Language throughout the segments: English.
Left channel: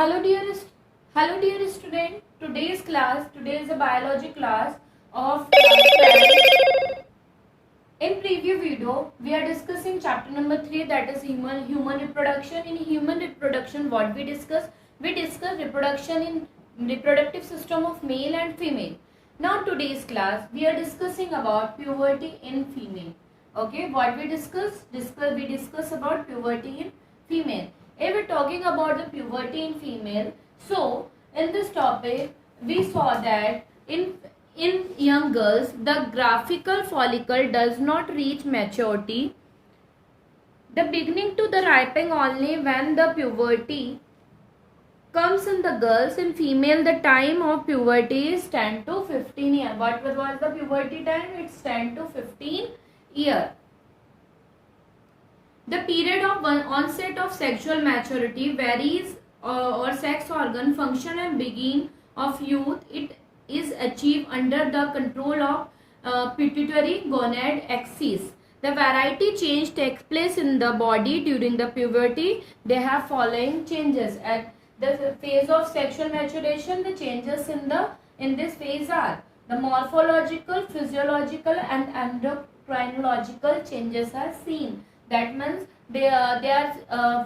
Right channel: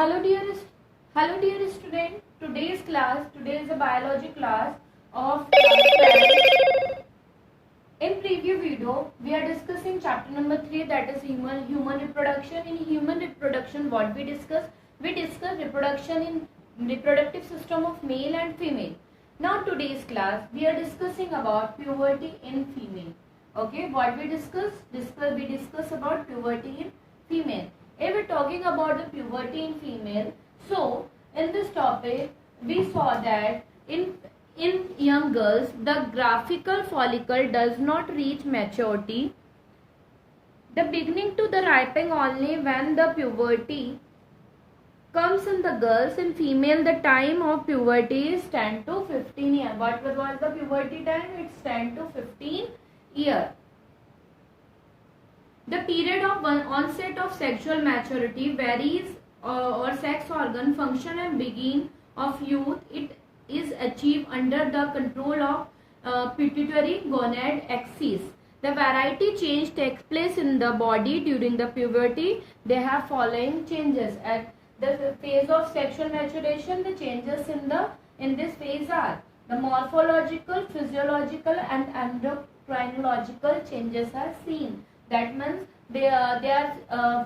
Hello dear student. Today is a biology class of class 12. In preview video, we are discussing chapter number 3, that is human reproduction. In human reproduction, what we discuss? We discuss reproduction in reproductive system of male and female. Now today's class, we are discussing about puberty in female. Okay, what we discuss? We discuss about puberty in female. If we're talking about the puberty in female, so in this topic we saw that in young girls the graphical follicle does not reach maturity. The beginning to the ripening only when the puberty comes in the girls. In female the time of puberty is 10 to 15 years. What was the puberty time? It's 10 to 15 years. The period of onset of sexual maturity varies or sex organ function and beginning of youth. It is achieved under the control of pituitary gonad axis. The variety change takes place in the body during the puberty. They have following changes. At the phase of sexual maturation, the changes in this phase are the morphological, physiological and endocrinological changes are seen. That means they are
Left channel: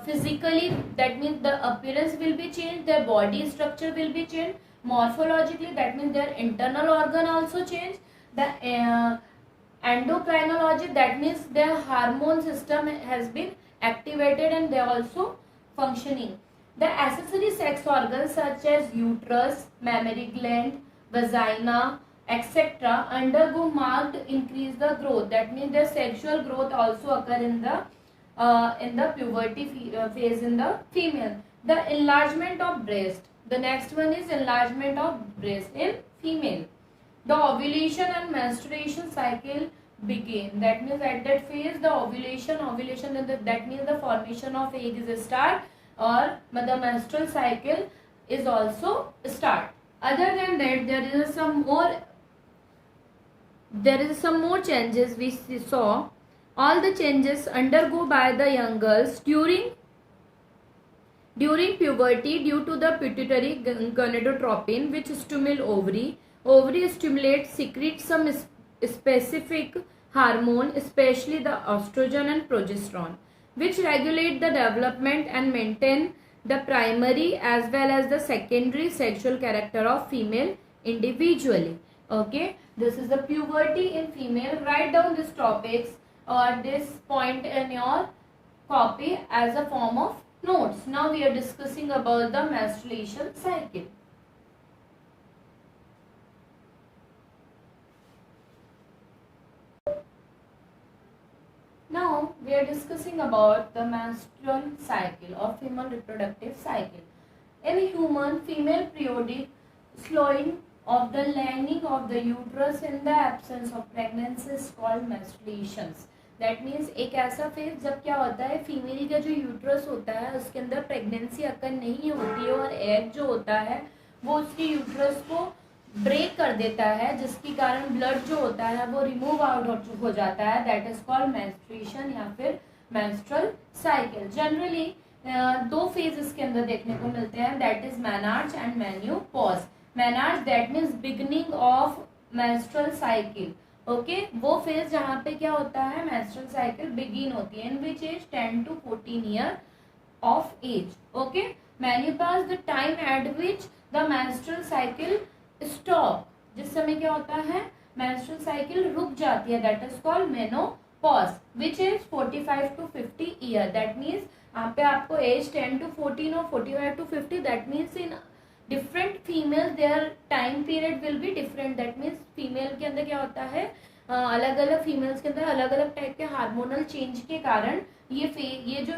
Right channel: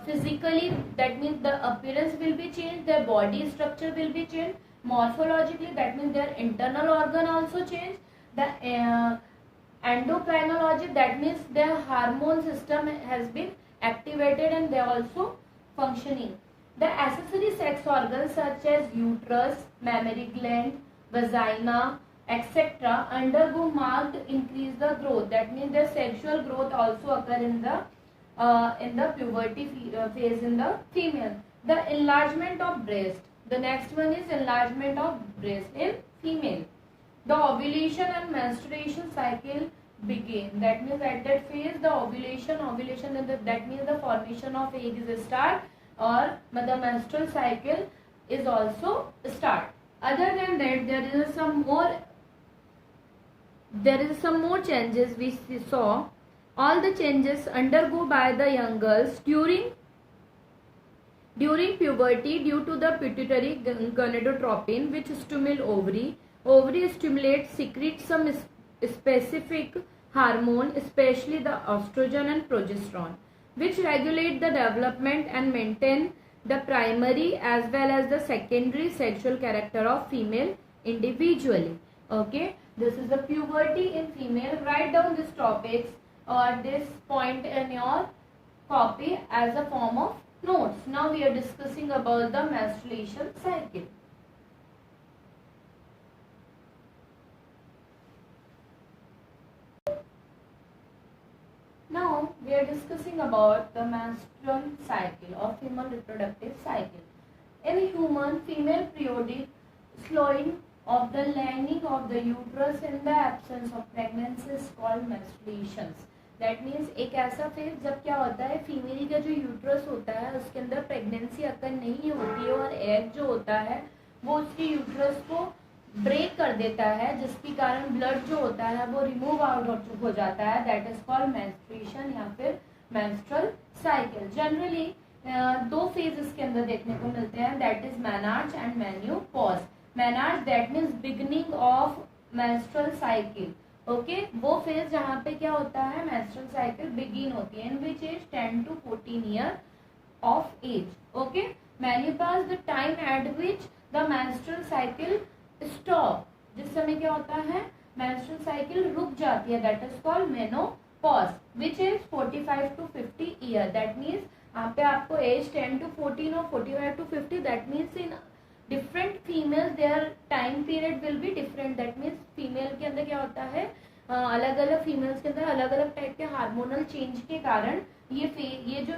physically, that means the appearance will be changed, their body structure will be changed. Morphologically, that means their internal organ also change. The endocrinology, that means their hormone system has been activated and they are also functioning. The accessory sex organs such as uterus, mammary gland, vagina, etc. undergo marked increase the growth. That means the sexual growth also occur in the puberty phase in the female. The enlargement of breast. The next one is enlargement of breast in female. The ovulation and menstruation cycle begin. That means at that phase the ovulation that means the formation of egg is a start, or the menstrual cycle is also start. Other than that, there is some more changes we saw. All the changes undergo by the young girls during puberty due to the pituitary gonadotropin, which stimulate ovary. Ovary stimulates, secretes some specific hormone, especially the estrogen and progesterone, which regulate the development and maintain the primary as well as the secondary sexual character of female individually. Okay, this is the puberty in female. Write down these topics or this point in your copy as a form of notes. Now we are discussing about the menstruation cycle. Now we are discussing about the menstrual cycle or female reproductive cycle. In human, female periodic slowing of the lining of the uterus in the absence of pregnancy is called menstruations. That means एक ऐसा phase जब क्या होता है, female का जो uterus होता है उसके अंदर प्रेगनेंसी अगर नहीं होती है और एग जो होता है वो उसके यूट्रस को ब्रेक कर देता है, जिसके कारण ब्लड जो होता है वो रिमूव आउट हो जाता है. दैट इज कॉल्ड मेंस्ट्रुएशन या फिर मेंस्ट्रुअल साइकिल. जनरली दो फेज इसके अंदर देखने को मिलते हैं, that is menarche and menopause. Menarche that means beginning of menstrual cycle. Okay, वो फेज जहाँ पे क्या होता है, मेंस्ट्रुअल साइकिल बिगिन होती है, in which age 10 to 14 year of age. Okay, menopause the time at which the menstrual cycle stop, जिस समय क्या होता है मेंस्ट्रुअल साइकिल रुक जाती है, that is called menopause, which is 45 to 50 year. That means यहाँ पे आपको एज 10 to 14 और 45 to 50, that means in different female their time period will be different. That means female के अंदर क्या होता है, अलग अलग फीमेल्स के अंदर अलग अलग टाइप के हार्मोनल चेंज के कारण ये जो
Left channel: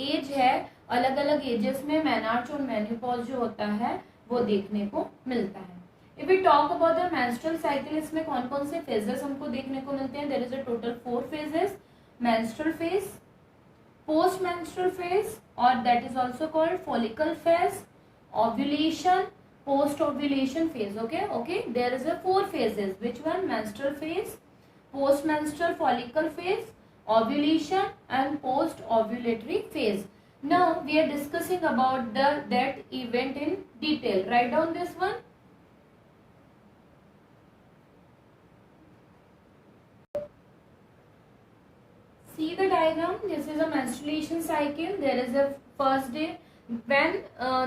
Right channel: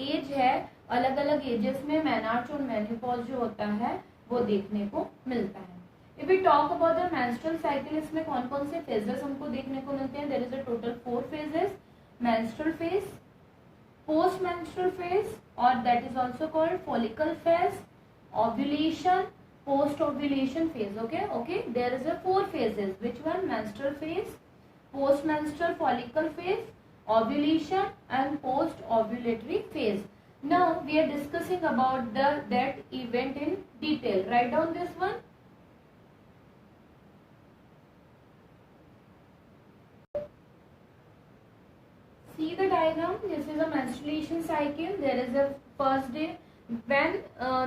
एज है अलग अलग एजेस में मेनार्च और मेन्यूपॉज जो होता है वो देखने को मिलता है. If we talk about the menstrual cycle, इसमें कौन कौन से phases हमको देखने को मिलते हैं? There is a total 4 phases. Menstrual phase, post menstrual phase, or that is also called follicle phase, ovulation, post ovulation phase. Okay. There is a 4 phases. Which one? Menstrual phase, post menstrual follicle phase, ovulation, and post ovulatory phase. Now we are discussing about that event in detail. Write down this one. See the diagram. This is a menstruation cycle. There is a first day when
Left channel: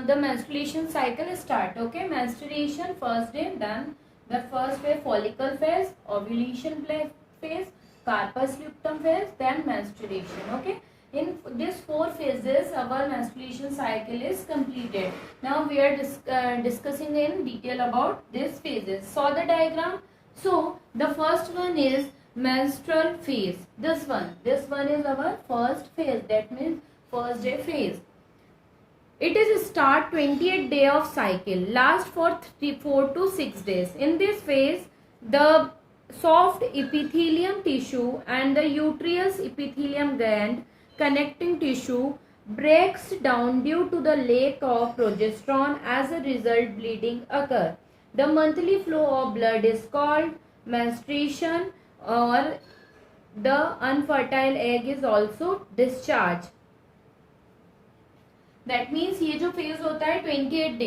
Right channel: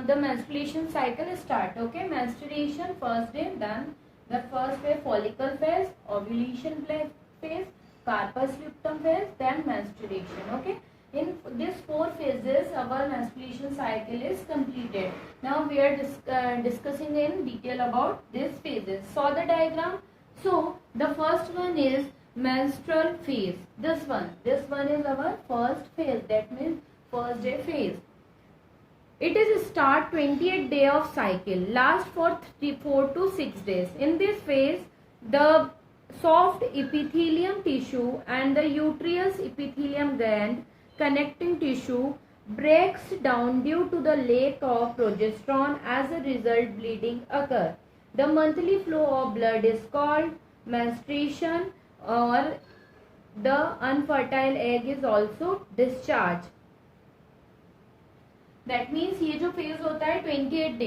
the menstruation cycle start. Okay, menstruation first day, then the first day follicle phase, ovulation phase, carpus luteum phase, then menstruation. Okay, in these 4 phases our menstruation cycle is completed. Now we are discussing in detail about these phases. Saw the diagram. So the first one is menstrual phase. This one is our first phase, that means first day phase. It is start 28th day of cycle, last for 4 to 6 days. In this phase, the soft epithelium tissue and the uterus epithelium gland connecting tissue breaks down due to the lack of progesterone. As a result, bleeding occur. The monthly flow of blood is called menstruation, or the unfertile egg is also discharged. That means ये जो phase होता है 28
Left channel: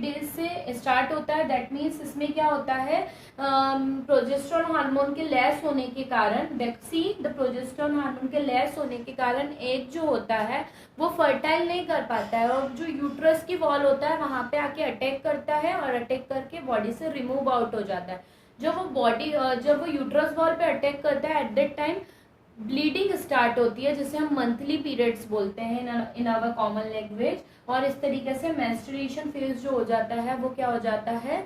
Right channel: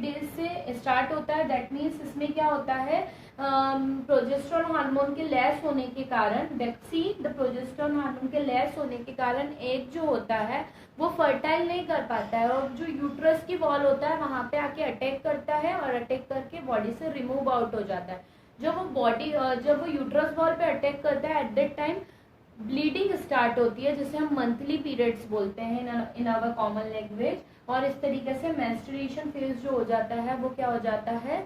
days से start होता है. That means इसमें क्या होता है, प्रोजेस्टेरोन हार्मोन के लेस होने के कारण, द प्रोजेस्टेरोन हार्मोन के लेस होने के कारण एग जो होता है वो फर्टाइल नहीं कर पाता है, और जो यूट्रस की वॉल होता है वहां पे आके अटैक करता है और अटैक करके बॉडी से रिमूव आउट हो जाता है. जब वो यूट्रस वॉल पे अटैक करता है, at that time bleeding start होती है, जिसे हम मंथली पीरियड्स बोलते हैं इन आवर कॉमन लैंग्वेज. और इस तरीके से मेंस्ट्रुएशन फेज जो हो जाता है वो क्या हो जाता है,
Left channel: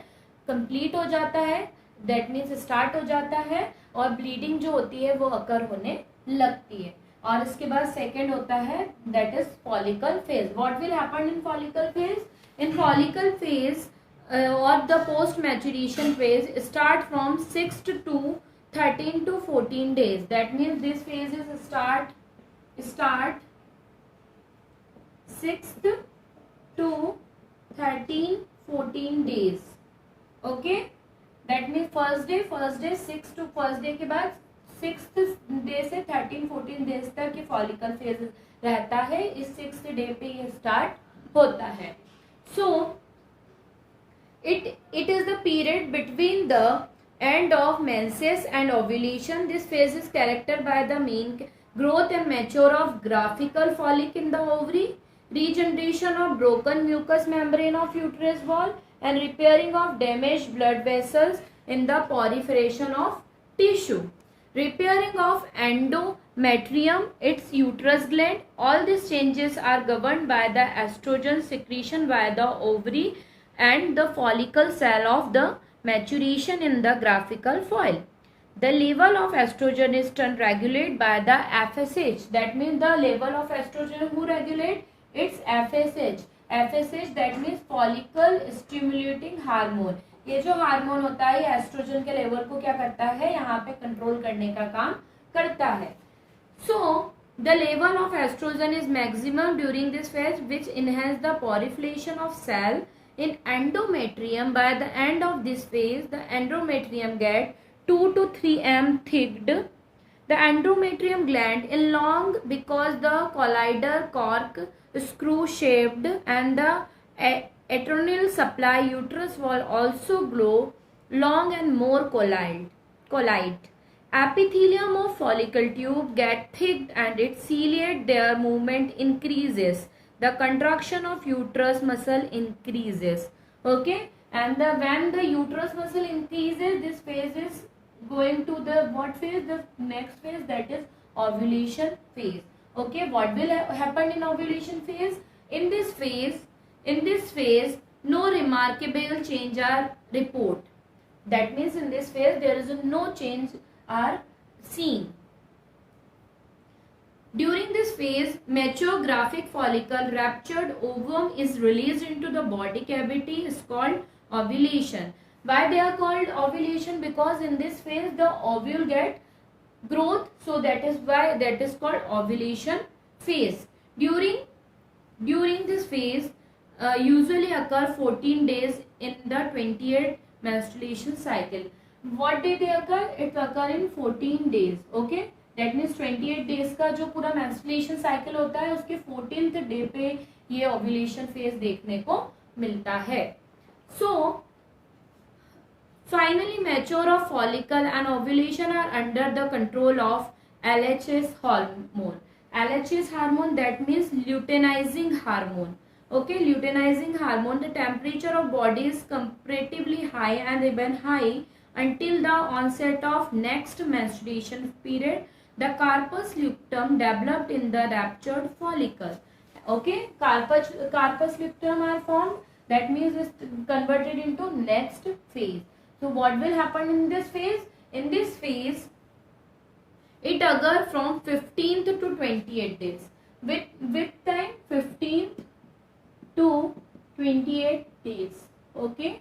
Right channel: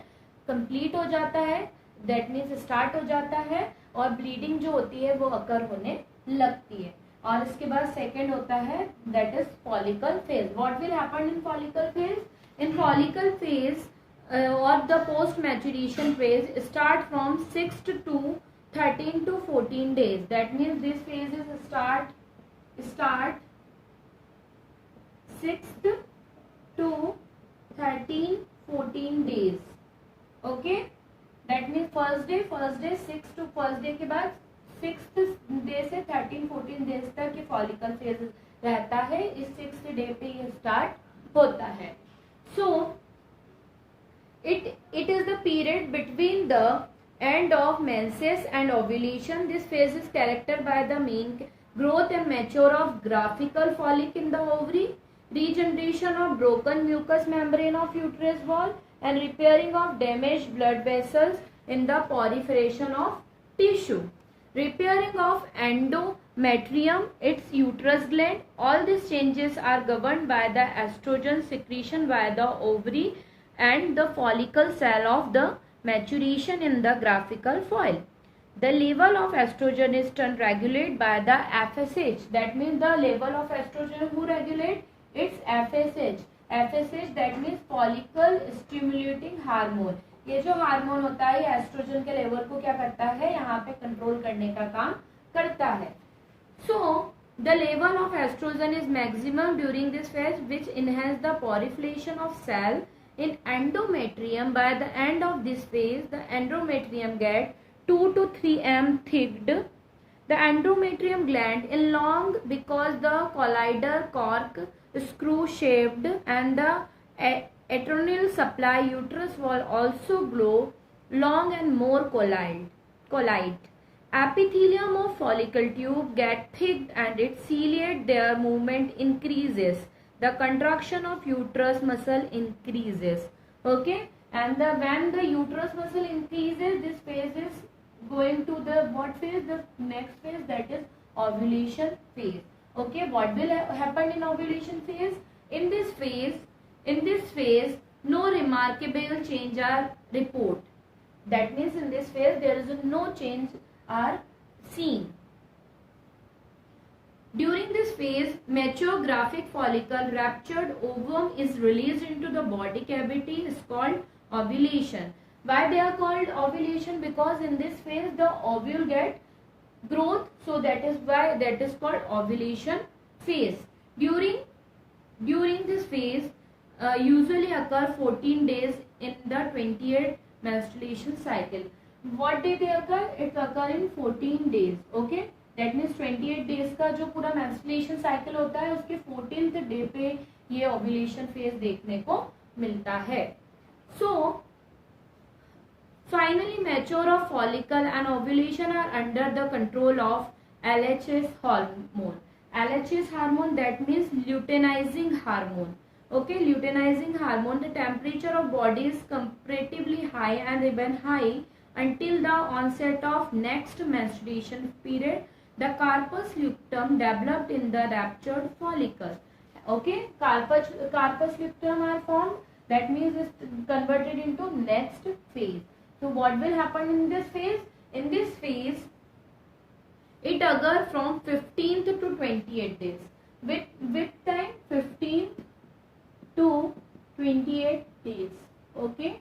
कंप्लीट हो जाता है. दैट मीन्स स्टार्ट हो जाता है और ब्लीडिंग जो होती है वो अकर होने लगती है. और इसके बाद सेकेंड होता है that is follicle phase. What will happen in follicle phase? In follicle phase or the post maturation phase start from 6 to 13 to 14 days. That means this phase is start 6th to 13-14 days. Okay, that means first day 6 to first day के बाद 6th day से 13-14 days तक ये follicle phase रहता है. इस 6th day पे ये start होता है. So it is the period between the end of menses and ovulation. This phase is characterized by the mean growth and mature of graphical follicle in the ovary, regeneration of broken mucous membrane of uterus wall, and repairing of damaged blood vessels in the proliferation of tissue. Repairing of endometrium, its uterus gland. All these changes are governed by the estrogen secretion by the ovary and the follicle cell of the maturation in the graphical foil. The level of estrogen is regulated by the FSH. That means the level of estrogen who regulate? It's FSH. FSH that means follicle stimulating hormone. ये जो hormone होता है ये oestrogen के level को क्या करता है, यहाँ पे कंट्रोल करने का काम करता है. So the level of estrogen is maximum during this phase, which enhance the proliferation of cell in endometrium. By the end of this phase, the endometrium get 2 to 3 m thicked. The endometrium gland is long because the collider cork screw shaped, and the adrenal supply uterus wall also glow long and more collide. Epithelium of follicle tube get thick and its ciliate, their movement increases. The contraction of uterus muscle increases. Okay, and when the uterus muscle increases, this phase is going to the what phase? The next phase, that is ovulation phase. Okay, what will happen in ovulation phase? In this phase, no remarkable change are report. That means in this phase there is no change are seen. During this phase, mature graphic follicle ruptured ovum is released into the body cavity, is called ovulation. Why they are called ovulation? Because in this phase the ovule get growth, so that is why that is called ovulation phase. During this phase usually occur 14 days in the 28th menstruation cycle. What did they occur? It occur in 14 days. Okay, that means 28 days का जो पूरा menstruation cycle होता है उसके 14th day पे ये ovulation phase देखने को मिलता है. सो finally mature of follicle and ovulation are under the control of LHS hormone. LHS hormone, that means luteinizing hormone. Okay, luteinizing hormone, the temperature of body is comparatively high and remain high until the onset of next menstruation period. The corpus luteum developed in the ruptured follicle. Okay, corpus luteum are formed, that means it's converted into next phase. So what will happen in this phase? In this phase, it occurs from 15th to 28 days. With time 15th to 28 days. Okay.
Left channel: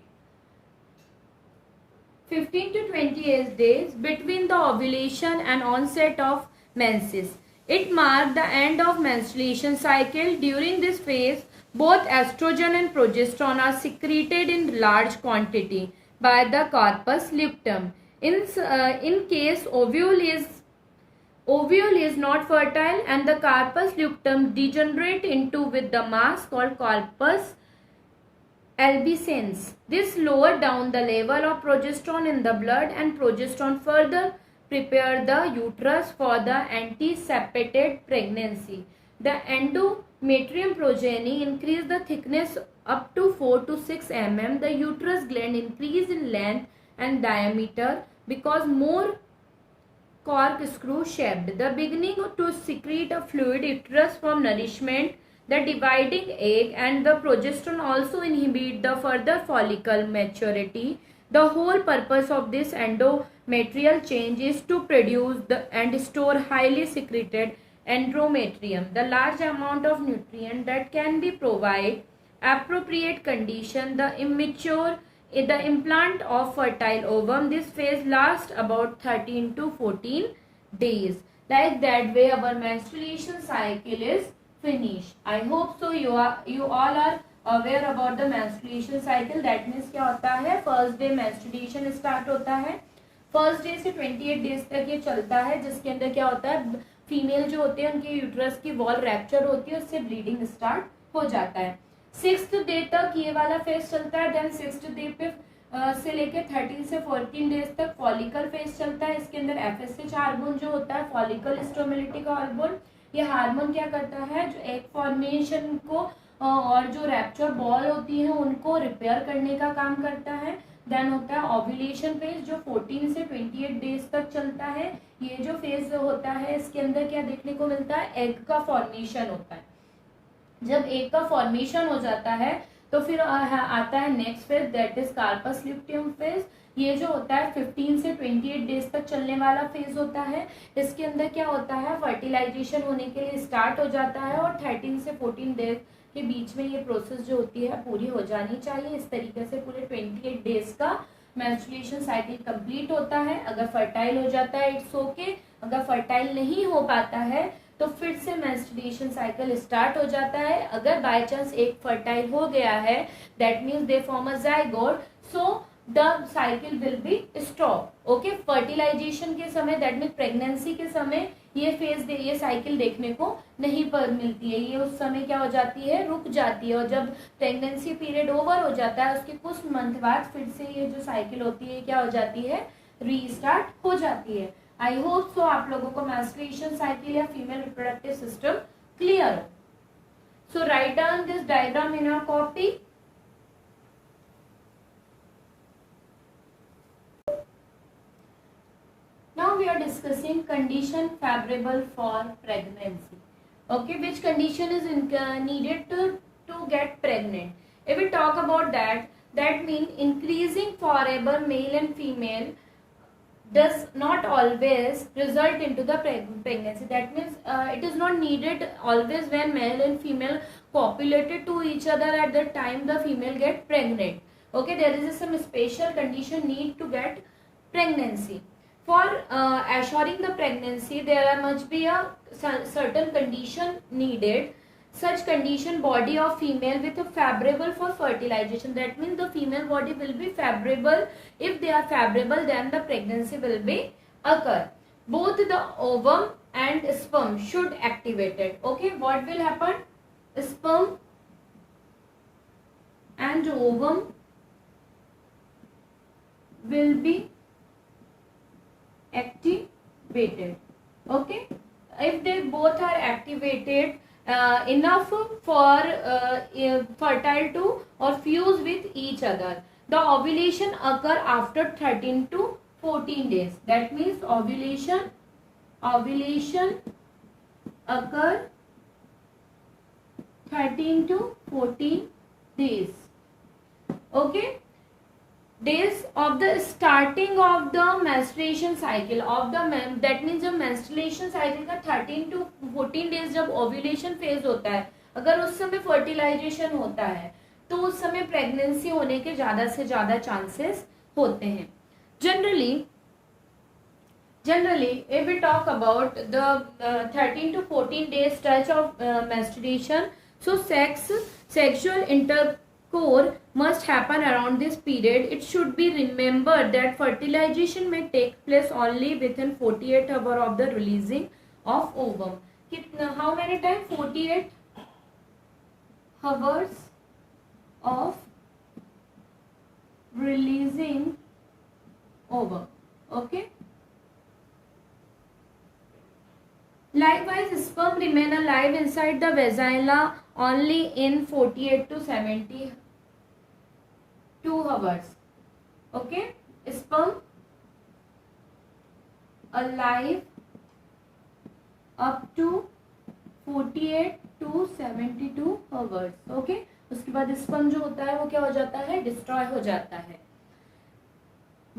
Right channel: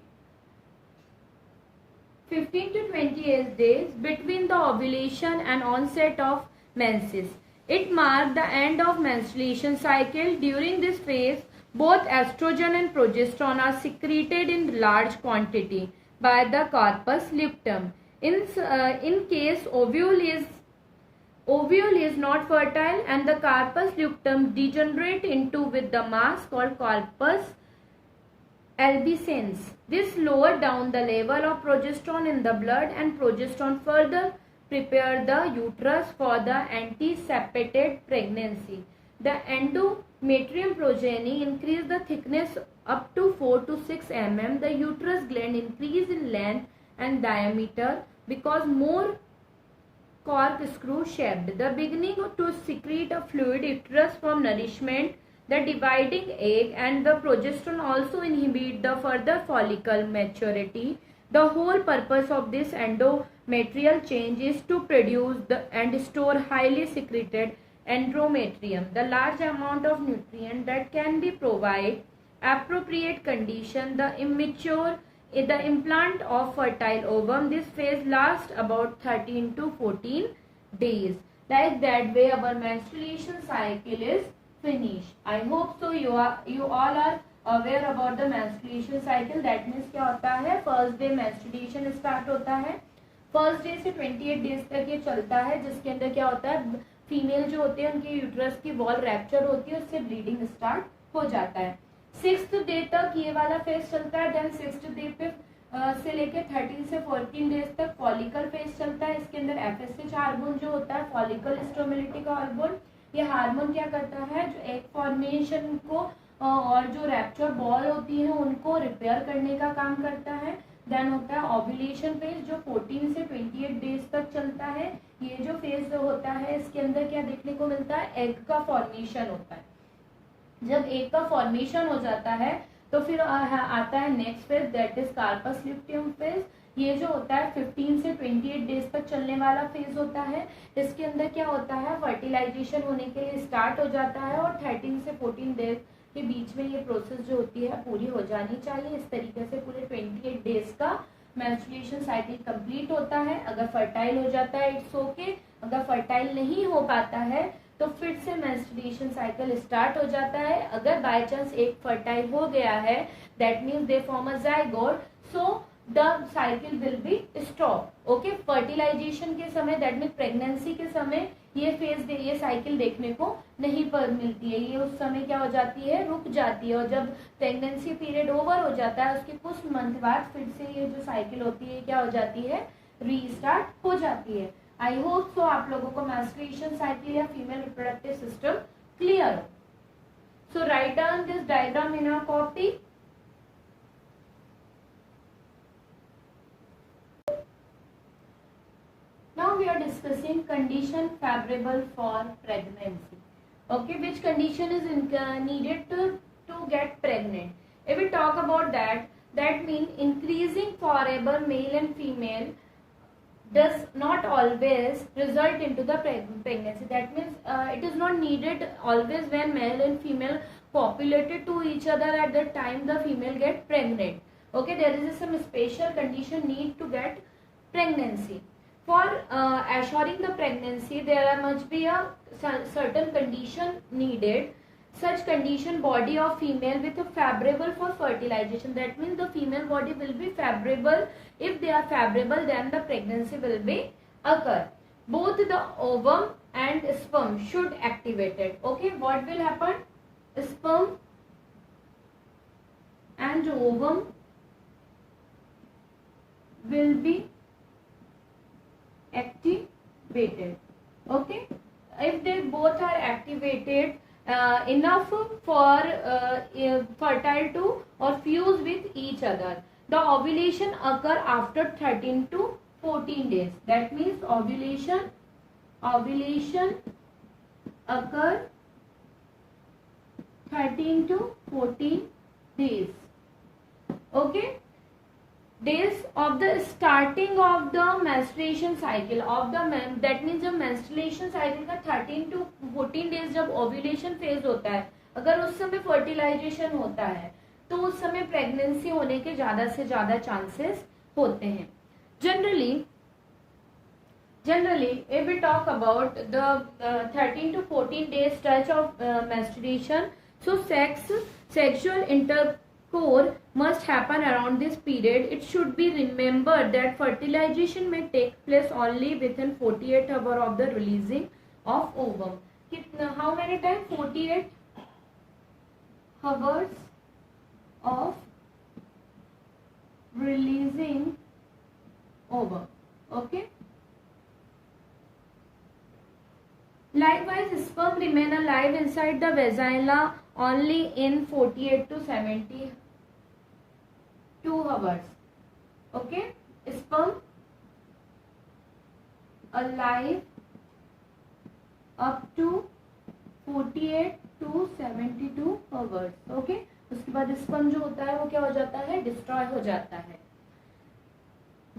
15 to 28 days between the ovulation and onset of menses. It marks the end of menstruation cycle. During this phase, both estrogen and progesterone are secreted in large quantity by the corpus luteum. In case ovule is not fertile and the corpus luteum degenerate into with the mass called corpus albicans. This lower down the level of progesterone in the blood, and progesterone further prepare the uterus for the anticipated pregnancy. The endometrium progeny increase the thickness up to 4 to 6 mm. The uterus gland increase in length and diameter because more corkscrew shaped. The beginning to secrete a fluid uterus from nourishment, the dividing egg and the progesterone also inhibit the further follicle maturity. The whole purpose of this endometrial change is to produce and store highly secreted endometrium, the large amount of nutrient that can be provide appropriate condition the implant of fertile ovum. This phase lasts about 13 to 14 days. Like that way our menstruation cycle is finished. I hope so you all are aware about the menstruation cycle. That means क्या होता है, first day menstruation start होता है, first day से 28 days तक ये चलता है, जिसके अंदर क्या होता है, फीमेल जो होते हैं उनके यूट्रस की वॉल रैप्चर होती है, उससे ब्लीडिंग स्टार्ट हो जाता है. 6th डे तक ये वाला फेज चलता है. देन 6th डे पे से लेके 13 से 14 डेज तक फॉलिकल फेज चलता है. इसके अंदर FSH हार्मोन जो होता है, फॉलिकल स्टिमुलेटिंग हार्मोन, ये हार्मोन क्या करता है, जो एग फॉर्मेशन को और जो रैप्चर बॉल होती है उनको रिपेयर करने का काम करता है. देन होता है ओव्यूलेशन फेज जो 14 से 28 डेज तक चलता है. ये जो फेज होता है इसके अंदर क्या देखने को मिलता है, एग का फॉर्मेशन होता है. जब एग का फॉर्मेशन हो जाता है तो फिर आता है next phase, that is corpus luteum phase. ये जो होता है 15 से 28 डेज तक चलने वाला फेज होता है. इसके अंदर क्या होता है, फर्टिलाइजेशन होने के लिए स्टार्ट हो जाता है और 13 से 14 डेज के बीच में ये प्रोसेस जो होती है पूरी हो जानी चाहिए. इस तरीके से पूरे 28 डेज का मेंस्ट्रुएशन साइकिल कंप्लीट होता है. अगर फर्टाइल हो जाता है इट्स ओके, अगर फर्टाइल नहीं हो पाता है तो फिर से मेंस्ट्रुएशन साइकिल स्टार्ट हो जाता है. अगर बाय चांस एक फर्टाइल हो गया है, that means they form a zygote, so the cycle will be stop. Okay, fertilization के समय, दैट मीन्स प्रेगनेंसी के समय ये साइकिल देखने को नहीं पर मिलती है. ये उस समय क्या हो जाती है, रुक जाती है. और जब प्रेगनेंसी पीरियड ओवर हो जाता है उसके कुछ मंथ बाद फिर से ये जो साइकिल होती है क्या हो जाती है, रीस्टार्ट हो जाती है. आई होप सो आप लोगों को मेंस्ट्रुएशन साइकिल या फीमेल रिप्रोडक्टिव सिस्टम क्लियर हो. So write down this diagram in your copy. Now we are discussing condition favorable for pregnancy. Okay, which condition is needed to get pregnant? If we talk about that means increasing forever male and female does not always result into the pregnancy. That means it is not needed always when male and female copulated to each other at the time the female get pregnant. Okay, there is some special condition need to get pregnancy. For assuring the pregnancy, there must be a certain condition needed. Such condition, body of female with a favorable for fertilization. That means the female body will be favorable. If they are favorable, then the pregnancy will be occur. both the ovum and sperm should activated. Okay, what will happen? Sperm and ovum will be activated. Okay, if they both are activated enough for fertile to or fuse with each other, the ovulation occur after 13 to 14 days. That means ovulation occur 13 to 14 days. Okay, days of the starting of the menstruation cycle of the that means जब menstruation cycle का 13 to 14 days जब ovulation phase होता है, अगर उस समय fertilization होता है तो उस समय प्रेगनेंसी होने के ज्यादा से ज्यादा चांसेस होते हैं. Generally, if we talk about the 13 to 14 days stretch of menstruation, so sexual intercourse must happen around this period. It should be remembered that fertilization may take place only within 48 hours of the releasing of ovum. How many times? 48 hours of releasing ovum. Okay. Likewise, sperm remain alive inside the vagina only in 48 to 72 hours. Okay, sperm alive up to 48 to 72 hours. Okay, उसके बाद sperm जो होता है वो क्या हो जाता है? Destroy हो जाता है.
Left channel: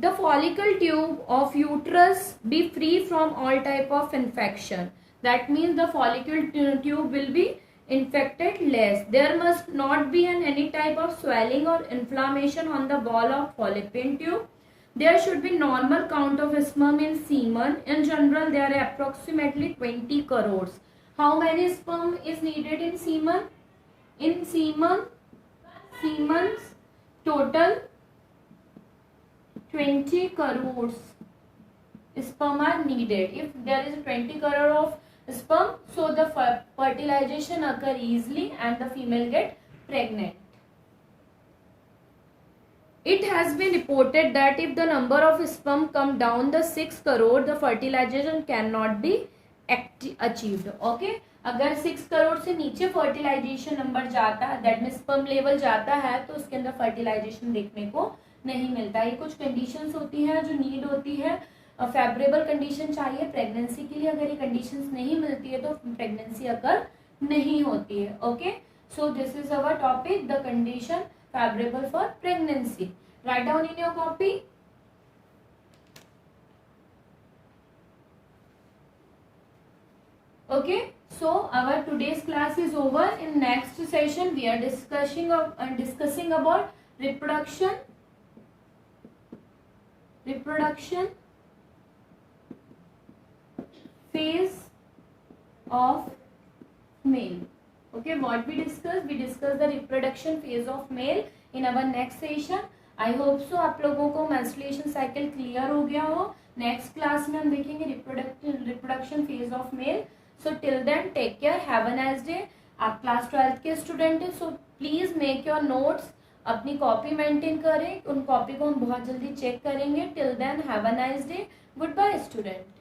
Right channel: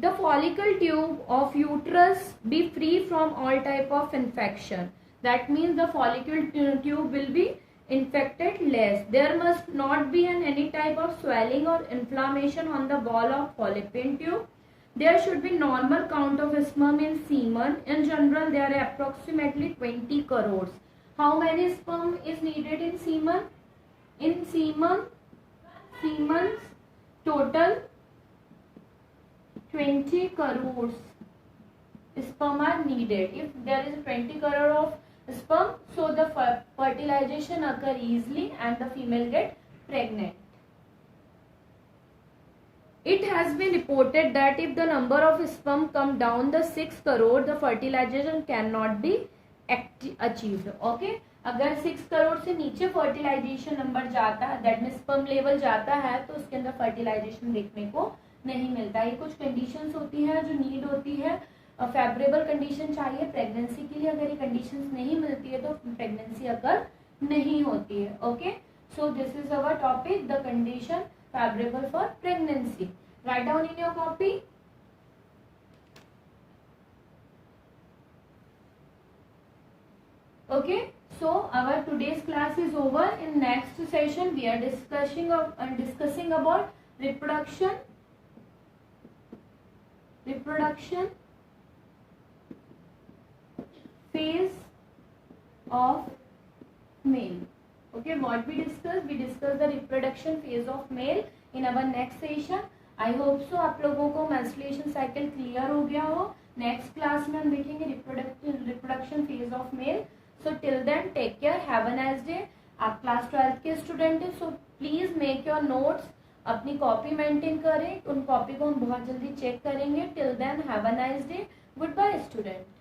The follicle tube of uterus be free from all type of infection. That means the follicle tube will be infected less. There must not be any type of swelling or inflammation on the wall of fallopian tube. There should be normal count of sperm in semen. In general, there are approximately 20 crores. How many sperm is needed in semen? In semen's total 20 crores sperm are needed. If there is 20 crore of sperm, so the fertilization occur easily and the female get pregnant. It has been reported that if the number of sperm come down the 6 crore, the fertilization cannot be achieved. Okay, अगर 6 करोड़ से नीचे fertilisation number जाता है, that mean sperm level जाता है, तो उसके अंदर फर्टिलाइजेशन देखने को नहीं मिलता. ये कुछ कंडीशंस होती है जो नीड होती है. फेवरेबल कंडीशन चाहिए प्रेगनेंसी के लिए. अगर ये कंडीशंस नहीं मिलती है तो प्रेगनेंसी अगर नहीं होती है. Okay, so this is our topic, the condition favourable for pregnancy. Write down in your copy. Okay, so our today's class is over. In next session we are discussing about reproduction phase of male. Okay, what we discussed the reproduction phase of male in our next session. I hope so आप लोगों को menstruation cycle clear हो गया हो. Next class में हम देखेंगे reproduction phase of male. So till then take care, have a nice day. आप क्लास 12 के स्टूडेंट हैं, so please make your notes, अपनी कॉपी मेंटेन करें. उन कॉपी को हम बहुत जल्दी चेक करेंगे. Till then have a nice day. Good bye student.